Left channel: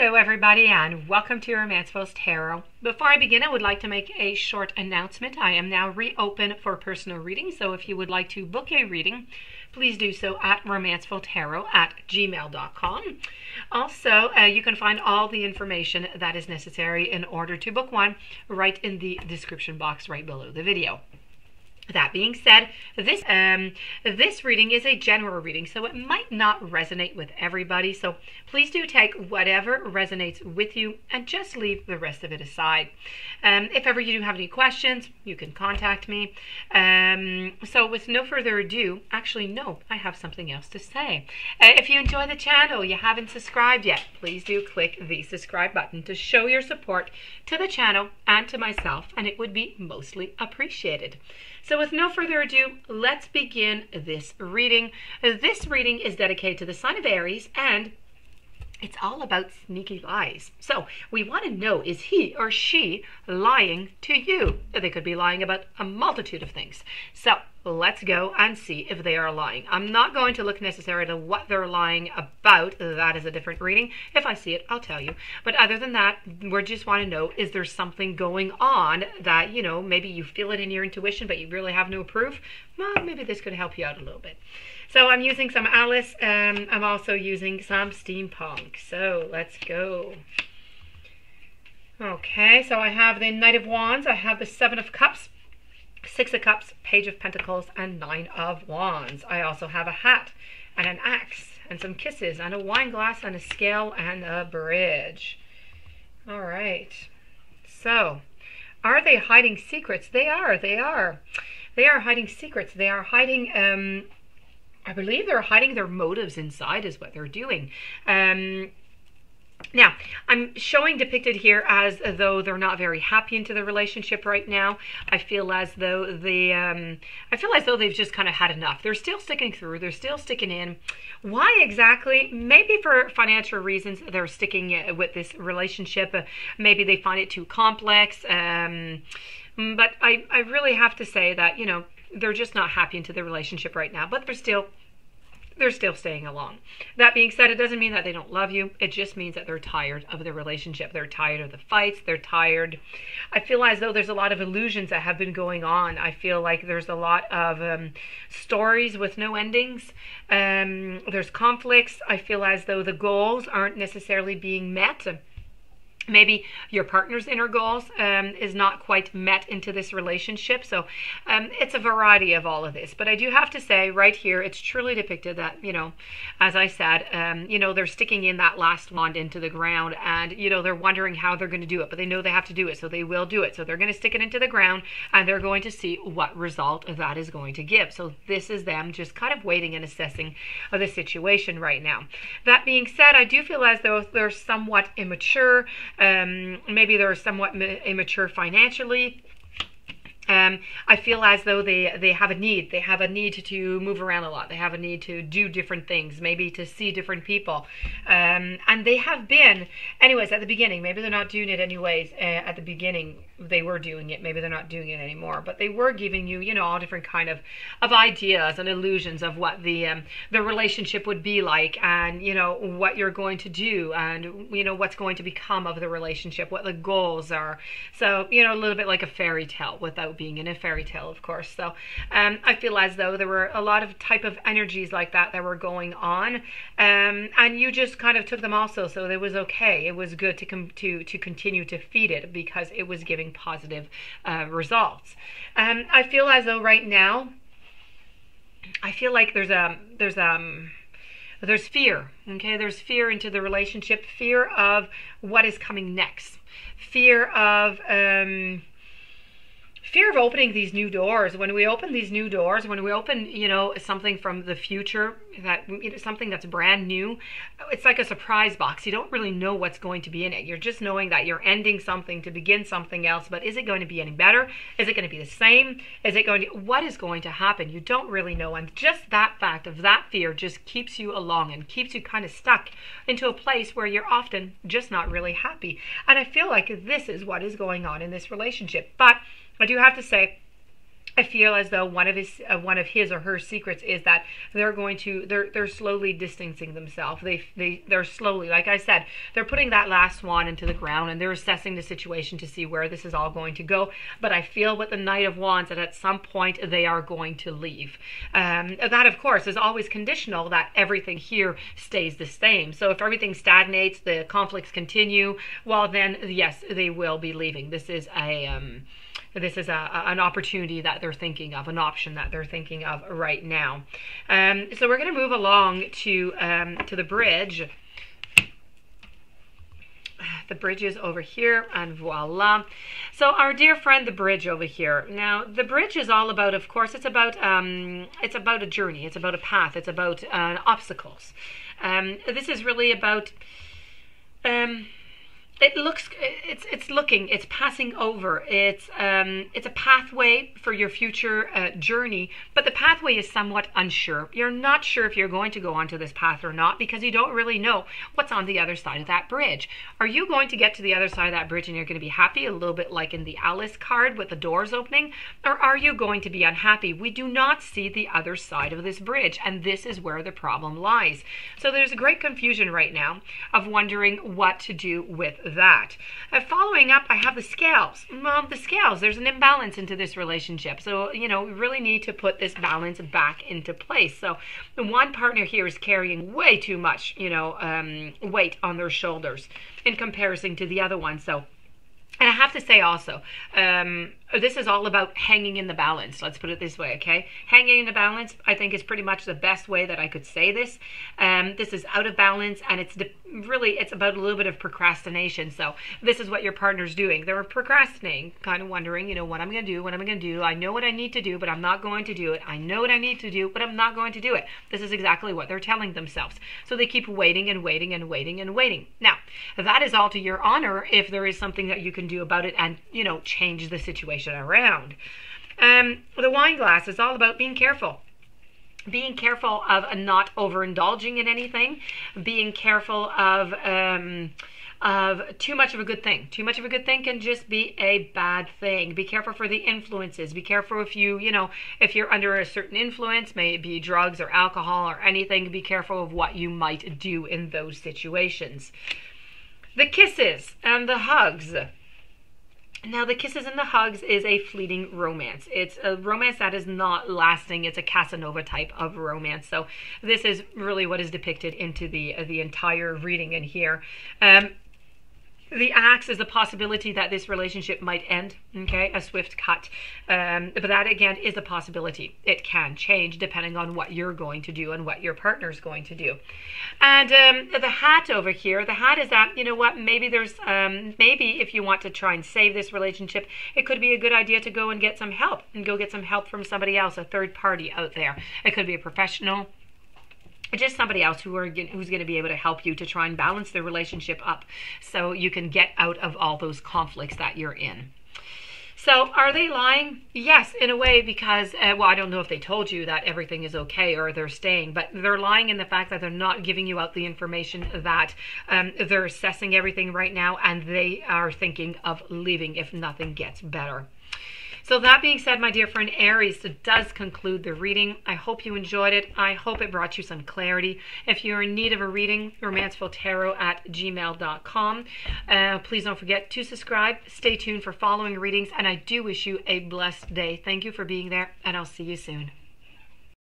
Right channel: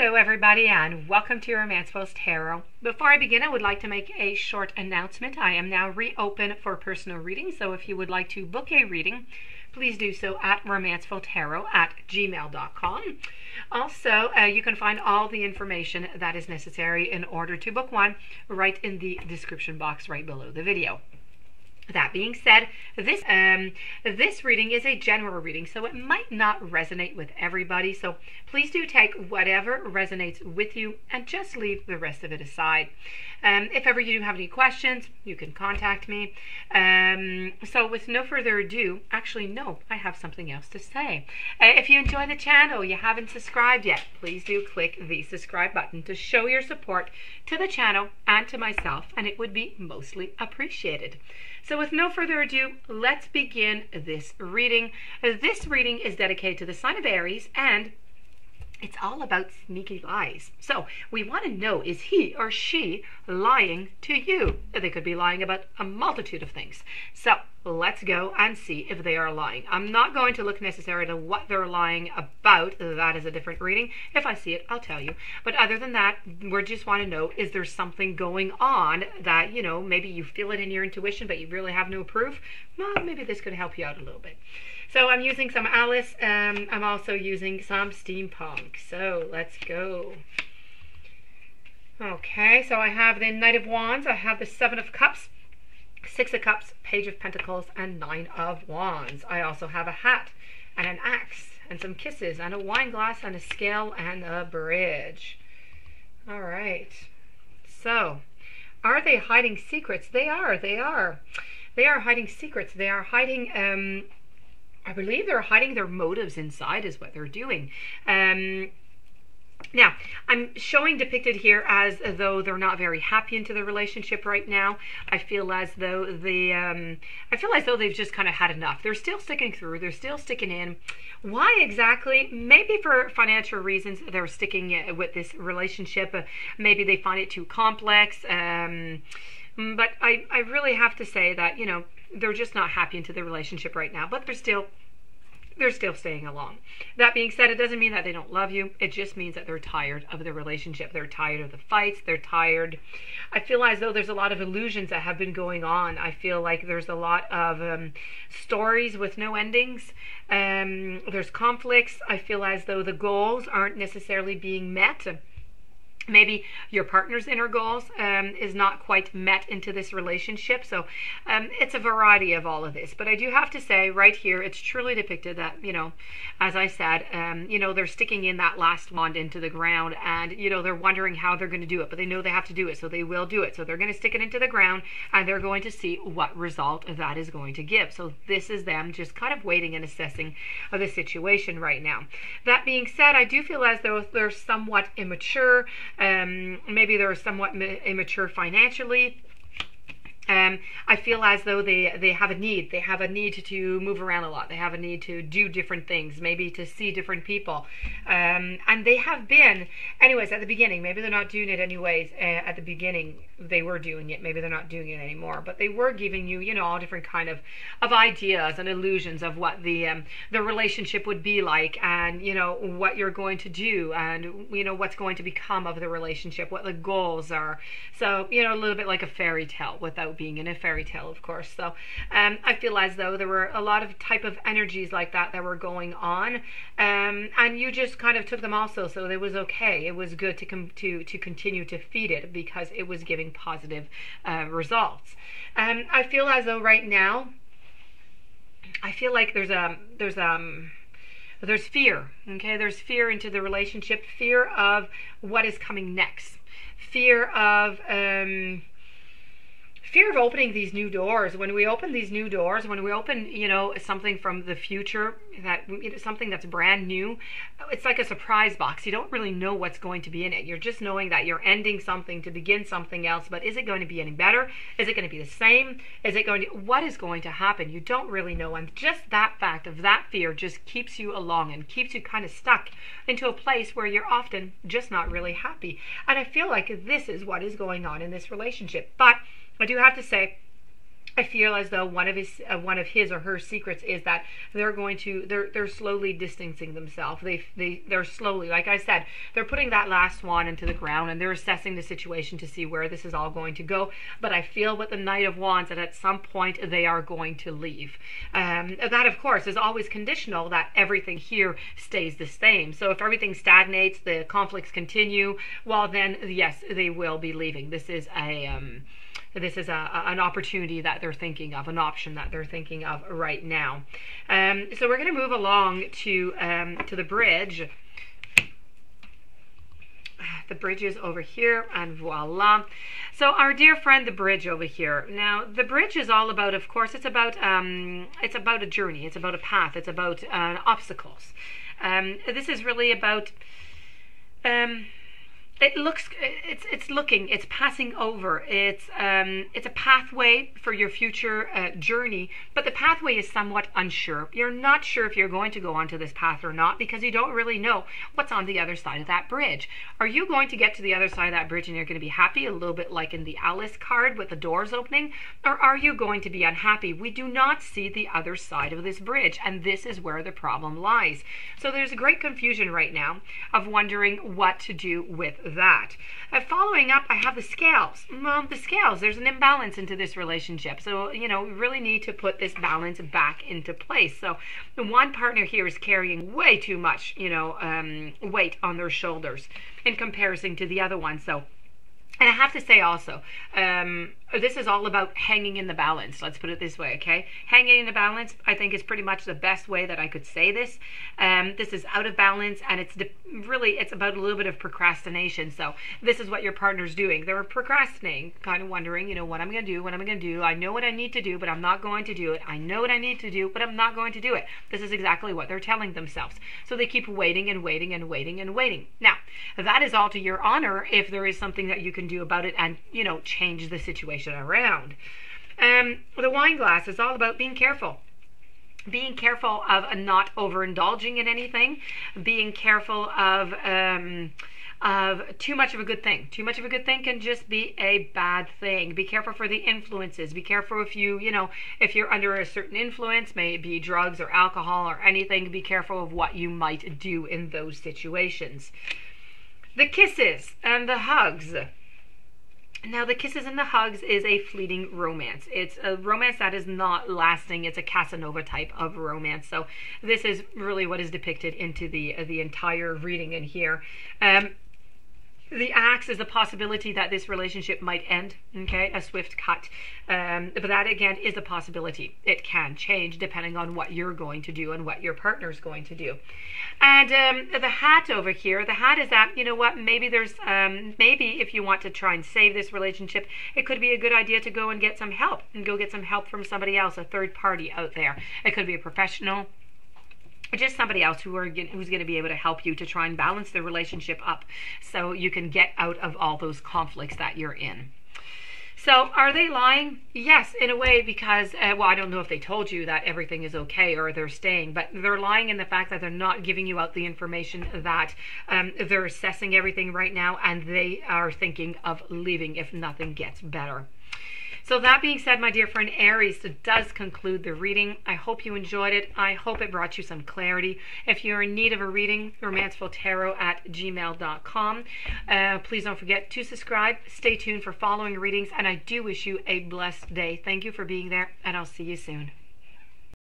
Hello everybody and welcome to Romancefull's Tarot. Before I begin, I would like to make a short announcement. I am now reopen for personal reading, so if you would like to book a reading, please do so at romancefulltarot@gmail.com. Also, you can find all the information that is necessary in order to book one right in the description box right below the video. That being said, this reading is a general reading, so it might not resonate with everybody. So please do take whatever resonates with you and just leave the rest of it aside. If ever you do have any questions, you can contact me. So with no further ado, actually, no, I have something else to say. If you enjoy the channel, you haven't subscribed yet, please do click the subscribe button to show your support to the channel and to myself, and it would be mostly appreciated. So with no further ado, let's begin this reading. This reading is dedicated to the sign of Aries, and it's all about sneaky lies. So we want to know, is he or she lying to you? They could be lying about a multitude of things. So let's go and see if they are lying. I'm not going to look necessarily at what they're lying about. That is a different reading. If I see it, I'll tell you. But other than that, we just want to know, is there something going on that, you know, maybe you feel it in your intuition, but you really have no proof? Well, maybe this could help you out a little bit. So I'm using some Alice. I'm also using some steampunk. So let's go. Okay, so I have the Knight of Wands. I have the Seven of Cups, Six of Cups, Page of Pentacles, and Nine of Wands. I also have a hat and an axe and some kisses and a wine glass and a scale and a bridge. All right. So are they hiding secrets? They are. They are hiding secrets. They are hiding... I believe they're hiding their motives inside is what they're doing. Now, I'm showing depicted here as though they're not very happy into the relationship right now. I feel as though they've just kind of had enough. They're still sticking through. They're still sticking in. Why exactly? Maybe for financial reasons they're sticking with this relationship. Maybe they find it too complex. But I really have to say that, you know, they're just not happy into the relationship right now, but they're still staying along. That being said, it doesn't mean that they don't love you. It just means that they're tired of the relationship. They're tired of the fights. They're tired. I feel as though there's a lot of illusions that have been going on. I feel like there's a lot of stories with no endings. There's conflicts. I feel as though the goals aren't necessarily being met. Maybe your partner's inner goals is not quite met into this relationship. So it's a variety of all of this. But I do have to say right here, it's truly depicted that, you know, as I said, you know, they're sticking in that last wand into the ground, and, you know, they're wondering how they're going to do it, but they know they have to do it, so they will do it. So they're going to stick it into the ground, and they're going to see what result that is going to give. So this is them just kind of waiting and assessing the situation right now. That being said, I do feel as though they're somewhat immature. Maybe they're somewhat immature financially. I feel as though they have a need. They have a need to move around a lot. They have a need to do different things, maybe to see different people. And they have been, anyways, at the beginning. Maybe they're not doing it anyways. At the beginning, they were doing it. Maybe they're not doing it anymore. But they were giving you, you know, all different kind of ideas and illusions of what the relationship would be like, and, you know, what you're going to do, and, you know, what's going to become of the relationship, what the goals are. So, you know, a little bit like a fairy tale without being in a fairy tale, of course. So I feel as though there were a lot of type of energies like that were going on, and you just kind of took them also, so it was okay. It was good to continue to feed it because it was giving positive results. I feel as though right now, I feel like there's fear. Okay, there's fear into the relationship, fear of what is coming next, fear of opening these new doors. When we open these new doors, when we open, you know, something from the future, that, you know, something that's brand new, it's like a surprise box. You don't really know what's going to be in it. You're just knowing that you're ending something to begin something else. But is it going to be any better? Is it going to be the same? What is going to happen? You don't really know. And just that fact of that fear just keeps you along and keeps you kind of stuck into a place where you're often just not really happy. And I feel like this is what is going on in this relationship. But I do have to say, I feel as though one of his or her secrets is that they're slowly distancing themselves. They're slowly, like I said, they're putting that last swan into the ground, and they're assessing the situation to see where this is all going to go. But I feel with the Knight of Wands that at some point they are going to leave. That of course is always conditional that everything here stays the same. So if everything stagnates, the conflicts continue, well then yes, they will be leaving. This is an opportunity that they're thinking of, an option that they're thinking of right now. So we're going to move along to the bridge. The bridge is over here, and voila. So our dear friend, the bridge over here. Now, the bridge is all about, of course, it's about a journey, it's about a path, it's about obstacles. This is really about. It's passing over. It's a pathway for your future journey, but the pathway is somewhat unsure. You're not sure if you're going to go onto this path or not because you don't really know what's on the other side of that bridge. Are you going to get to the other side of that bridge and you're going to be happy, a little bit like in the Alice card with the doors opening, or are you going to be unhappy? We do not see the other side of this bridge, and this is where the problem lies. So there's a great confusion right now of wondering what to do with that. Following up, I have the scales. Well, the scales, there's an imbalance into this relationship. So, we really need to put this balance back into place. So the one partner here is carrying way too much, weight on their shoulders in comparison to the other one. So, and I have to say also, this is all about hanging in the balance. Let's put it this way, okay? Hanging in the balance, I think, is pretty much the best way that I could say this. This is out of balance, and it's about a little bit of procrastination. So this is what your partner's doing. They're procrastinating, kind of wondering, what I'm going to do. I know what I need to do, but I'm not going to do it. I know what I need to do, but I'm not going to do it. This is exactly what they're telling themselves. So they keep waiting and waiting and waiting and waiting. Now, that is all to your honor if there is something that you can do about it and, change the situation around. The wine glass is all about being careful. Being careful of not overindulging in anything. Being careful of too much of a good thing. Too much of a good thing can just be a bad thing. Be careful for the influences. Be careful if if you're under a certain influence, may it be drugs or alcohol or anything, be careful of what you might do in those situations. The kisses and the hugs. Now, the kisses and the hugs is a fleeting romance. It's a romance that is not lasting. It's a Casanova type of romance. So this is really what is depicted into the entire reading in here. The axe is a possibility that this relationship might end, okay, a swift cut. But that, again, is a possibility. It can change depending on what you're going to do and what your partner's going to do. And the hat over here, the hat is that, maybe there's, maybe if you want to try and save this relationship, it could be a good idea to go and get some help, and go get some help from somebody else, a third party out there. It could be a professional, just somebody else who's going to be able to help you to try and balance the relationship up so you can get out of all those conflicts that you're in. So are they lying? Yes, in a way, because, I don't know if they told you that everything is okay or they're staying, but they're lying in the fact that they're not giving you out the information that they're assessing everything right now, and they are thinking of leaving if nothing gets better. So that being said, my dear friend Aries, it does conclude the reading. I hope you enjoyed it. I hope it brought you some clarity. If you're in need of a reading, romancefulltarot@gmail.com. Please don't forget to subscribe. Stay tuned for following readings, and I do wish you a blessed day. Thank you for being there, and I'll see you soon.